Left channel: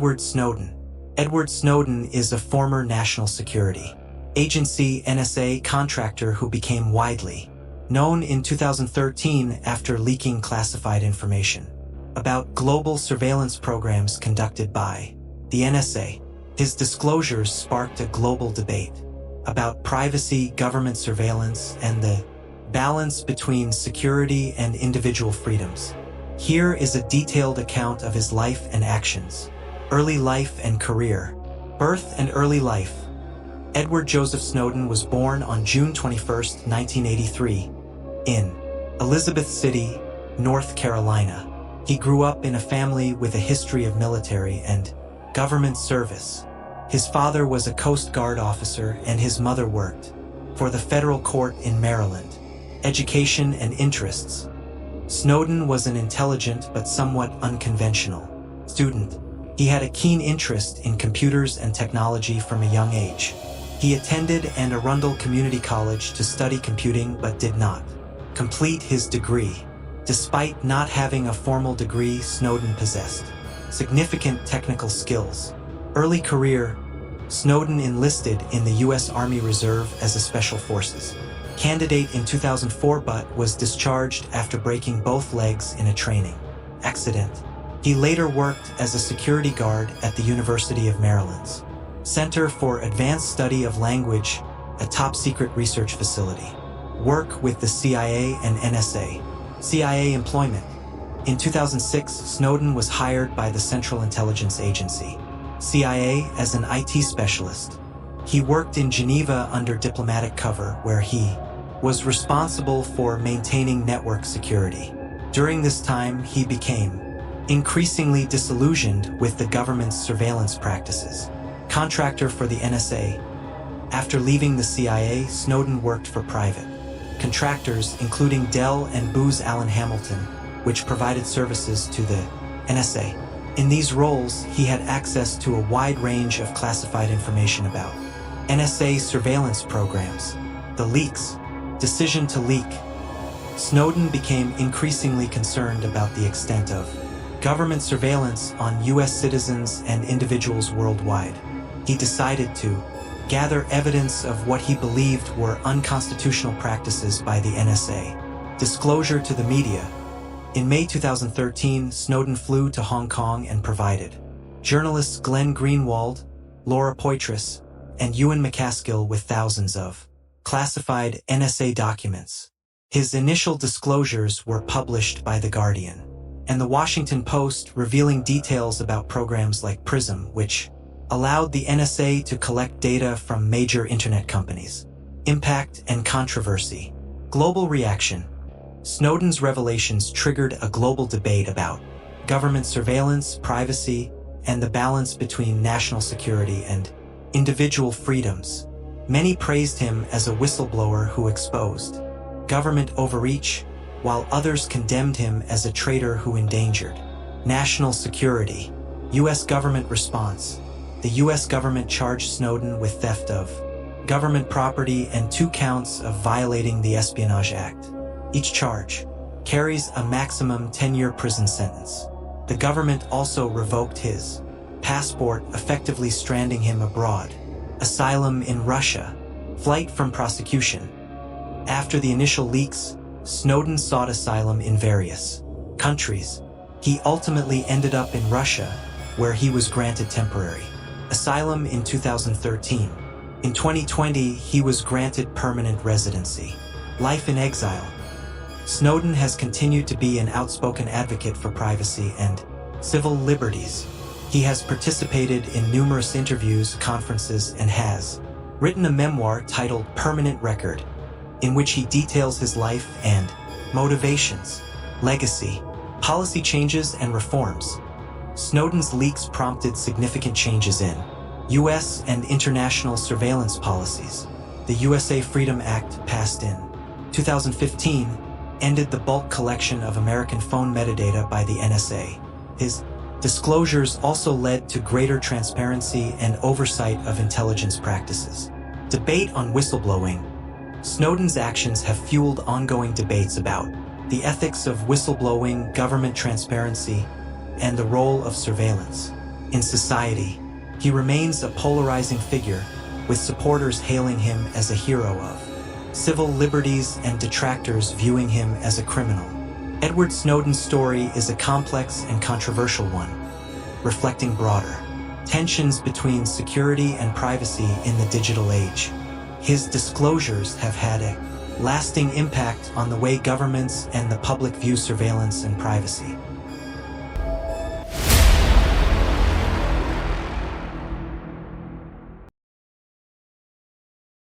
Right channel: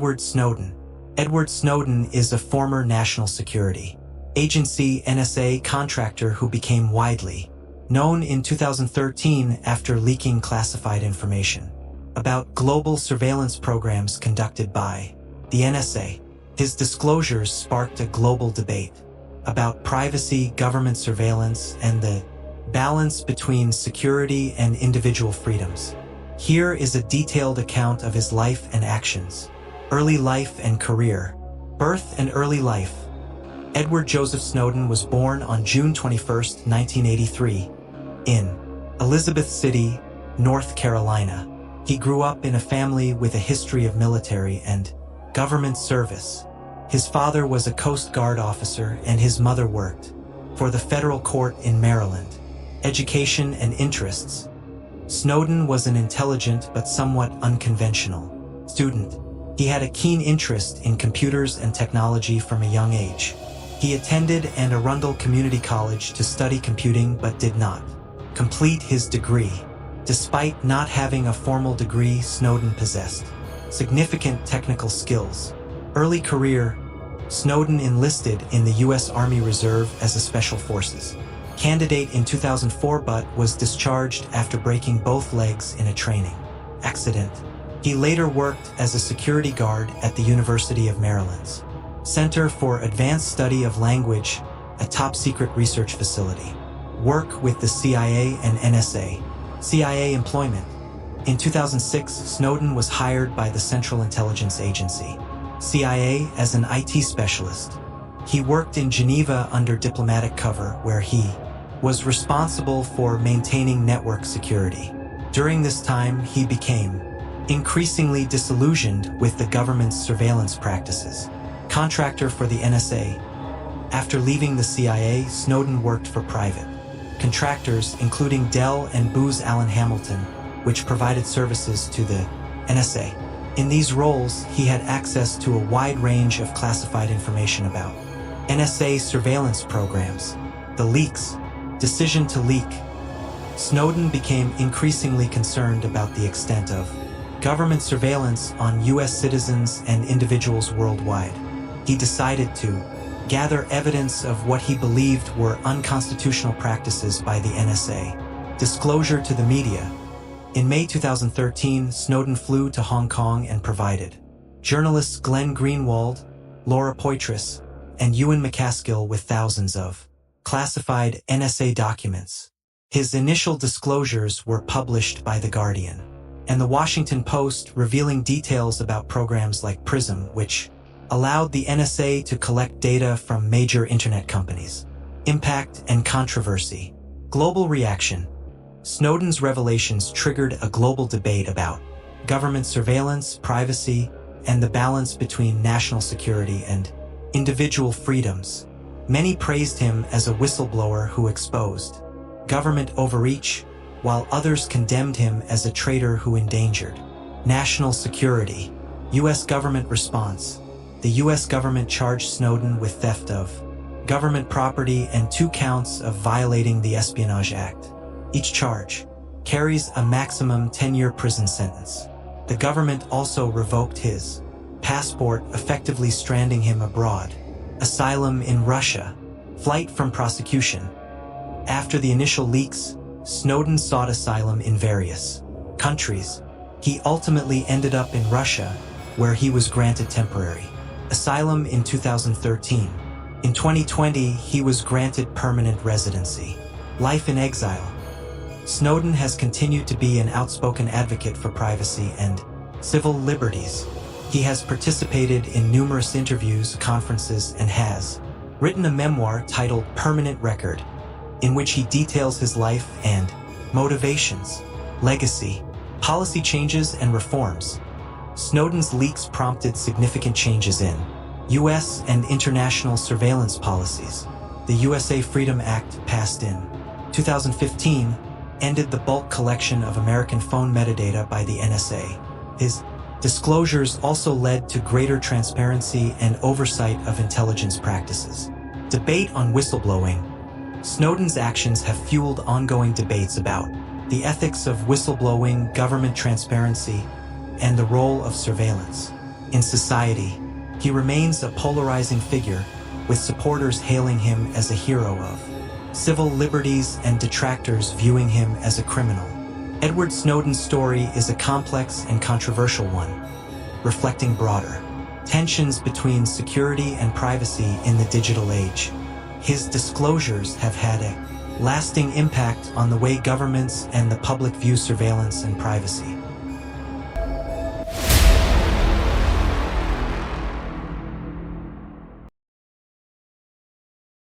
Edward Snowden. Edward Snowden is a former National Security Agency (NSA) contractor who became widely known in 2013 after leaking classified information about global surveillance programs conducted by the NSA. His disclosures sparked a global debate about privacy, government surveillance, and the balance between security and individual freedoms. Here is a detailed account of his life and actions. Early life and career. Birth and early life. Edward Joseph Snowden was born on June 21, 1983, in Elizabeth City, North Carolina. He grew up in a family with a history of military and government service. His father was a Coast Guard officer and his mother worked for the federal court in Maryland. Education and interests. Snowden was an intelligent but somewhat unconventional student. He had a keen interest in computers and technology from a young age. He attended Anne Arundel Community College to study computing but did not complete his degree. Despite not having a formal degree, Snowden possessed significant technical skills. Early career. Snowden enlisted in the U.S. Army Reserve as a Special Forces candidate in 2004 but was discharged after breaking both legs in a training accident. He later worked as a security guard at the University of Maryland's Center for Advanced Study of Language, a top-secret research facility. Work with the CIA and NSA. CIA employment. In 2006, Snowden was hired by the Central Intelligence Agency, CIA, as an IT specialist. He worked in Geneva under diplomatic cover, where he was responsible for maintaining network security. During this time, he became increasingly disillusioned with the government's surveillance practices. Contractor for the NSA. After leaving the CIA, Snowden worked for private contractors, including Dell and Booz Allen Hamilton, which provided services to the NSA. In these roles, he had access to a wide range of classified information about NSA surveillance programs. The leaks. Decision to leak. Snowden became increasingly concerned about the extent of government surveillance on U.S. citizens and individuals worldwide. He decided to gather evidence of what he believed were unconstitutional practices by the NSA. Disclosure to the media. In May 2013, Snowden flew to Hong Kong and provided journalists Glenn Greenwald, Laura Poitras, and Ewan McCaskill with thousands of classified NSA documents. His initial disclosures were published by The Guardian and The Washington Post, revealing details about programs like PRISM, which allowed the NSA to collect data from major internet companies. Impact and controversy. Global reaction. Snowden's revelations triggered a global debate about government surveillance, privacy, and the balance between national security and individual freedoms. Many praised him as a whistleblower who exposed government overreach, while others condemned him as a traitor who endangered national security. U.S. government response. The U.S. government charged Snowden with theft of government property and 2 counts of violating the Espionage Act. Each charge carries a maximum 10-year prison sentence. The government also revoked his passport, effectively stranding him abroad. Asylum in Russia. Flight from prosecution. After the initial leaks, Snowden sought asylum in various countries. He ultimately ended up in Russia, where he was granted temporary asylum in 2013. In 2020, he was granted permanent residency. Life in exile. Snowden has continued to be an outspoken advocate for privacy and civil liberties. He has participated in numerous interviews, conferences, and has written a memoir titled Permanent Record, in which he details his life and motivations, legacy, policy changes, and reforms. Snowden's leaks prompted significant changes in U.S. and international surveillance policies. The USA Freedom Act, passed in 2015, ended the bulk collection of American phone metadata by the NSA. His disclosures also led to greater transparency and oversight of intelligence practices. Debate on whistleblowing. Snowden's actions have fueled ongoing debates about the ethics of whistleblowing, government transparency, and the role of surveillance. In society, he remains a polarizing figure, with supporters hailing him as a hero of civil liberties and detractors viewing him as a criminal. Edward Snowden's story is a complex and controversial one, reflecting broader tensions between security and privacy in the digital age. His disclosures have had a lasting impact on the way governments and the public view surveillance and privacy.